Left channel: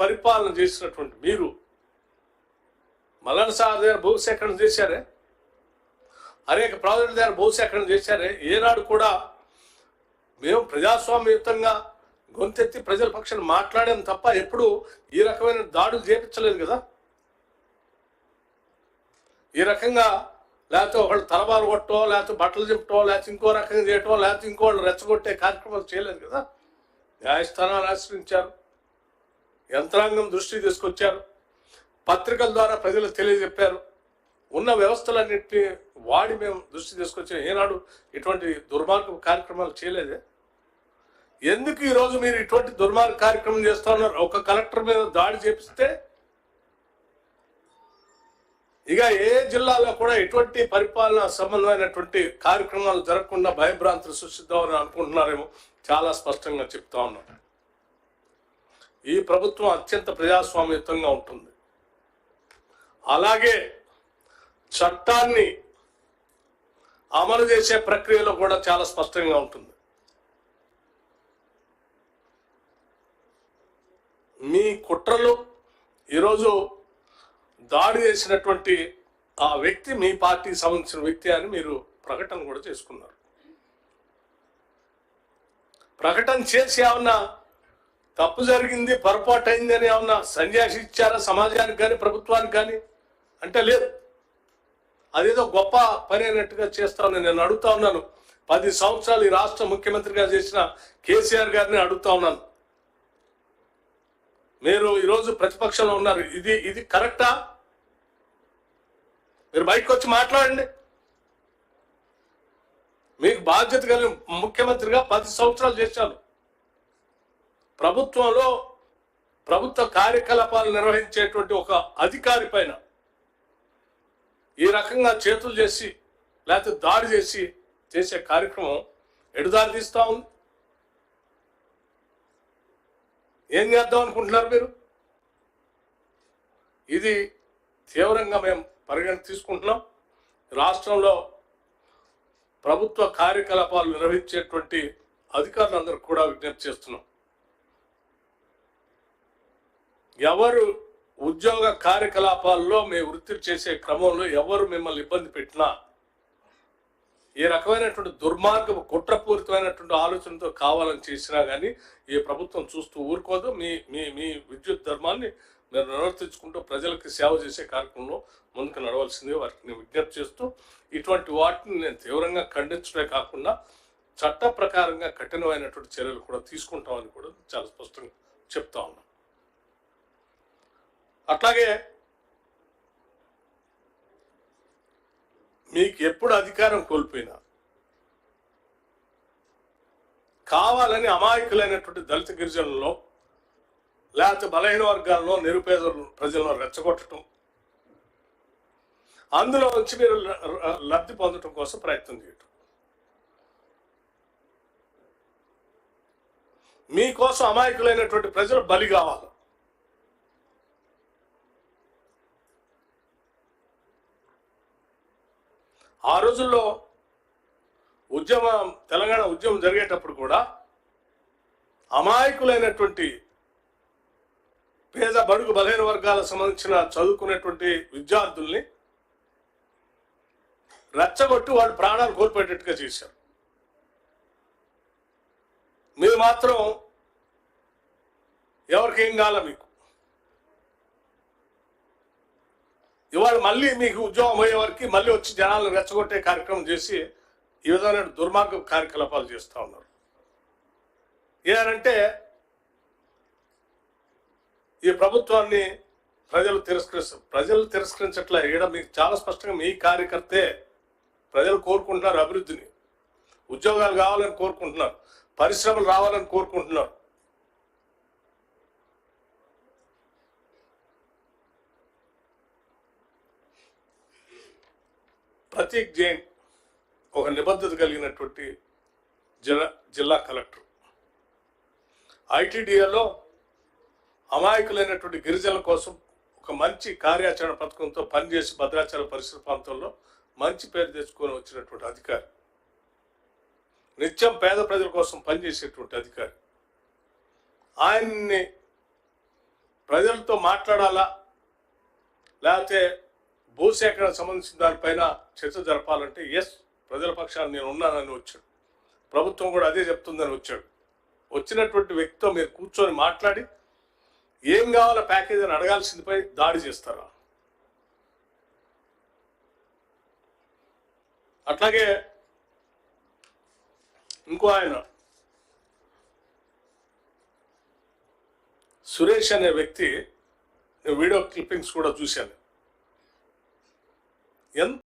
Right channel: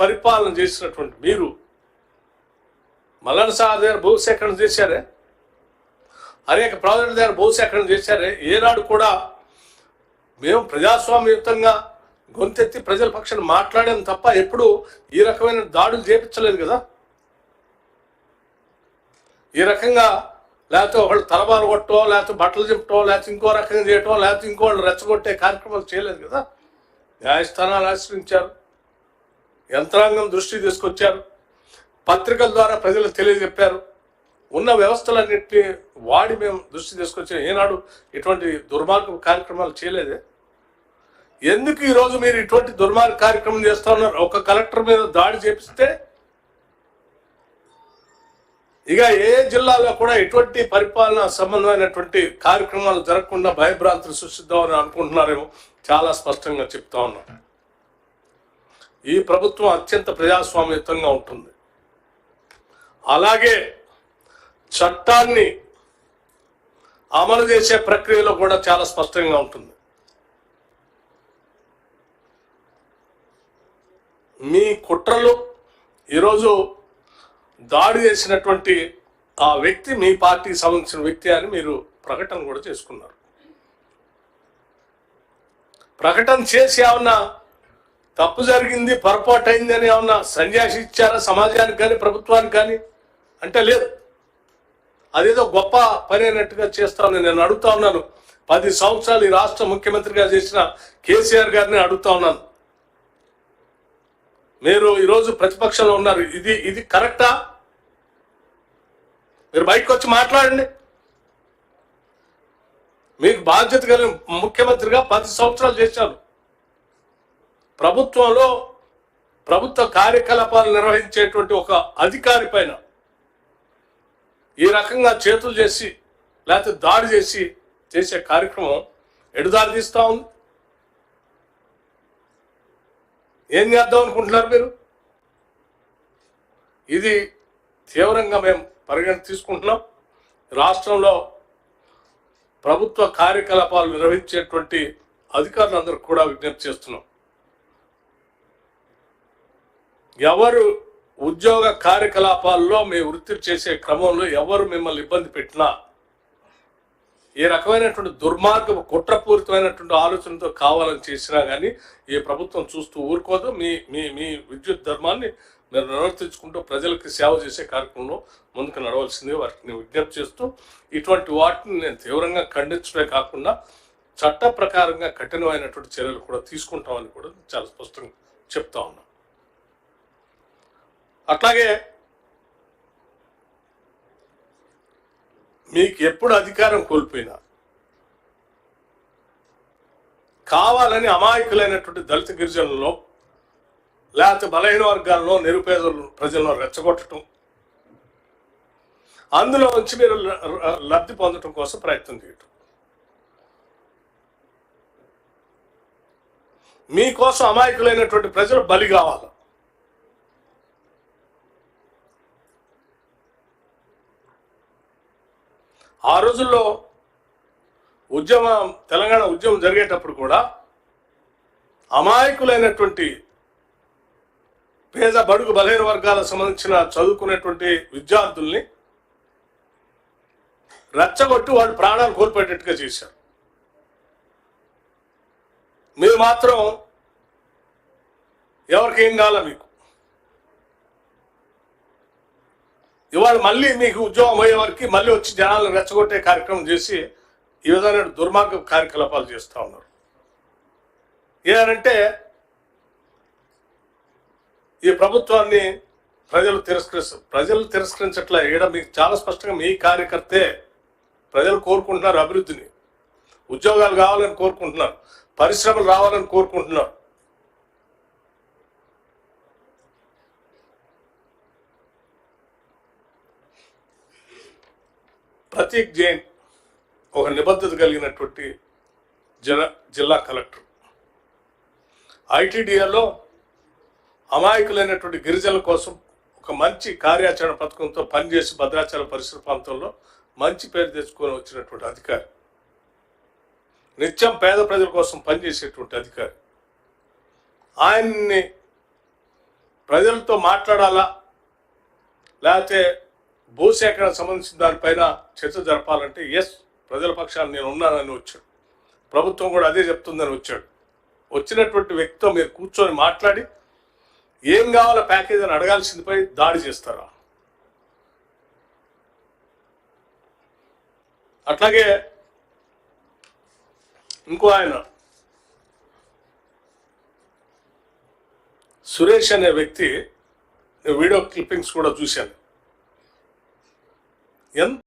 పరిపాలన చేసినటువంటి మీరు మల్లన్న సాగర్ దగ్గర భూసేకరణ చేశారే, అనేక ప్రాజెక్టుల దగ్గర భూసేకరణ చేశారే. ఏనాడు కూడా మేము ప్రజాస్వామ్యయుతంగా గొంతెత్తి ప్రజల పక్షాన్ని మాట్లాడాం తప్ప ఎప్పుడు ఈ రకమైన దాడులు చేపించలేదు కదా. ఈ రకంగా లేకపోతే ఒకళ్ళు తలబారు కొట్టో, లేకపోతే బట్టలు చింపటో, లేకపోతే ఇంకో రకంగా చేయటం, లేకపోతే ఇంకోళ్ళు రెచ్చగొట్టే కార్యక్రమాలు చేయలేదు కదా. న్యాయస్థానాలు ఆశ్రయించారు, యంత్రాంగం దృష్టి తీసుకొచ్చారు, పత్రికల ద్వారా ప్రజలకు తెలియజెప్పారు, ఉన్న వ్యవస్థలన్నింటినీ వాడి మేము దృష్టి తీసుకొచ్చాం. ఏనాడు ఇటువంటి దుర్మార్గ కార్యక్రమాలు చేయలేదే. ఎందుకు ఈరోజు మీరు ఇటువంటి దుర్మార్గ కార్యక్రమం చేస్తూ ఉన్నారు? ఒక కలెక్టర్ మీద దాడి చేపిస్తే ఇక ఏ జిల్లాలో కూడా ఎటువంటి పరిపాలన సంబంధమైనటువంటి కార్యక్రమాలు జరగకుండా భయభ్రాంతులు సృష్టిద్దామని అనుకుంటున్నారేమో చాలా స్పష్టంగా చెప్తా ఉన్నాం. ఈ ప్రభుత్వం అత్యంత ప్రజాస్వామ్యయుతంగా ఉంటుంది. అలాగే చట్టాన్ని అమలు చేసే ప్రక్రియలో కూడా చాలా స్పష్టంగా ఉంటుంది. మీ కుట్రలు ఈరోజు దాడి చేసినటువంటి ఆ వ్యక్తి మీ పార్టీకి సంబంధించిన వ్యక్తి అని మీరు ప్రకటన కూడా చేసుకున్నారు. ప్రకటన చేసి ఏమన్నా తప్పు జరిగింది, పొరపాటు అయింది అని ఏమన్నా సన్యాసి ఇచ్చారా సమాజానికి కానీ ప్రభుత్వానికి కానీ అంటే లేదు. అదేదో గొప్ప పని అయినట్టుగా చేస్తాను. నేను అడుగుతా ఉన్నాను, 10 సంవత్సరాలు ఈ రాష్ట్ర ముఖ్యమంత్రిగా చేసిన కేసీఆర్ గారిని అడుగుతా ఉన్నాను. మీరు ఈరోజు ప్రతిపక్షంలో ఉన్నారు, ఇది కరెక్టా? మీరు బయటకు వచ్చి మాట్లాడండి. మీకు బాధ్యత కలిగిన ముఖ్యమంత్రిగా 10 సంవత్సరాలు చేశారు. ప్రభుత్వంలో ప్రభుత్వ కార్యకలాపాలు నిర్వహించేటువంటి ఒక అధికారి పైన ఈ రకంగా చేతులు చేసి లేకపోతే దాడి చేసి చేసే కార్యక్రమం ఎడుదారి తీస్తా ఉంది. ఏం చేద్దాం అనుకుంటున్నారు మీరు? ఇది తీవ్రంగా మేము పరిగణన తీసుకుంటున్నాం. రాష్ట్రంలో ప్రభుత్వ కార్యకలాపాలు నిర్వహించేటువంటి అధికారులందరూ కూడా విజ్ఞప్తి చేస్తున్నాం. ఎవరు ఉద్యోగ కార్యకలాపాల్లో మీ వృత్తి చేసే క్రమంలో ఎవరు మిమ్మల్ని ఇబ్బంది పెట్టినా, ఏ రకమైనటువంటి దుర్మార్గం కుట్రపూరితమైనటువంటి ఆలోచనతో కావాలని చేసినా కానీ ఈ ప్రభుత్వం చూస్తూ ఊరుకోదు. మీ మీ మీ విద్యుత్ ధర్మాన్ని మీరు నిర్వర్తించుకుంటూ ప్రజలకి సేవ చేసే కార్యక్రమంలో ముందుకు నడవలసింది వారికి విజ్ఞప్తి చేస్తూ, ఇటువంటి వాటిని నేను తీవ్రంగా ఖండించడమే కాకుండా చట్ట ప్రకారంగా కఠినమైనటువంటి చర్యలు కూడా తీసుకుంటామని కూడా చాలా స్పష్టంగా చెప్తా ఉన్నాం. అట్లాగే మీకు ఎప్పుడు అధికారం కోల్పోయినా కావాలని అమాయకులైనటువంటి దళిత గిరిజనుల్లో లేకపోతే బలహీన వర్గాల్లో నిరుపేద ప్రజలను రెచ్చగొట్టడం, అందులో నుంచి మీరు లబ్ధి పొందడం కోసం ప్రయత్నం చేయటం, మీకోసం అమాయకులైనటువంటి ప్రజలు బలి కావాలి. ఆ రోజుల్లో తెలంగాణ ఉద్యమం జరిగేటప్పుడు కూడా అమాయకులైనటువంటి పేద బడుగు బలహీన వర్గాలకు సంబంధించిన చదువుకునేటువంటి విద్యార్థుల్ని రెచ్చగొట్టి వాళ్ళు ప్రాణాలు కోల్పోయేటట్టుగా చేశారు. మీరు మాత్రం ఎవరికేం కావాలా మీకు ఇవాళ మళ్ళీ మీకు ఉద్యోగం అయ్యే వరకు మళ్ళీ వచ్చి జనాలను రెచ్చగొట్టే కార్యక్రమం చేసి ఈ విధమైన దుర్మార్గ కార్యకలాపాలు చేస్తూ ఉన్నారు. ఏనంటే ఈ ప్రభుత్వాన్ని ప్రజలు తిరస్కరించట్లే. ఈడ మీకు చాలా స్పష్టంగా మీ కార్యకర్తే ప్రజలు కోరుకుంటున్నారు అభివృద్ధిని, ఉద్యోగాలు కావాలని కోరుకుంటున్నారు, పరిశ్రమలు రావాలని కోరుకుంటున్నారు. ప్రతీక్ జైన్ ఒక నిబద్ధత కలిగినటువంటి జిల్లా కలెక్టర్. ఐటీడీఏలో అమాయకులైనటువంటి గిరిజనుల కోసం ఒక మంచి కార్యాచరణ పథకంతో పనిచేసి భద్రాచలం పరిసర ప్రాంతంలో మంచి పేరు తెచ్చుకొని వచ్చినటువంటి అధికారి, నిత్యం పేద ప్రజల కోసం పనిచేసేటువంటి అధికారి. ఆయన్ని ప్రజలతో మాట్లాడాలా, లేకపోతే భూసేకరణ సంబంధించిన దానిపైన చర్చ జరపాలంటే ఎస్, ప్రజల పక్షాన్ని నేను ఉన్నానని వచ్చాడు. ప్రభుత్వం కూడా అదే చెప్తుందని వచ్చాడు. వచ్చినటువంటి వ్యక్తితో మీరు కూర్చొని మాట్లాడి ఏం కావాలో ప్యాకేజ్ అని అడగాల్సిందిపై దాడి చేస్తారా? అట్లాగే ఇంకో ఆయన సురేష్ అనే వ్యక్తి, వీడియో క్లిప్పింగ్స్ కూడా చూశాను. ఎంత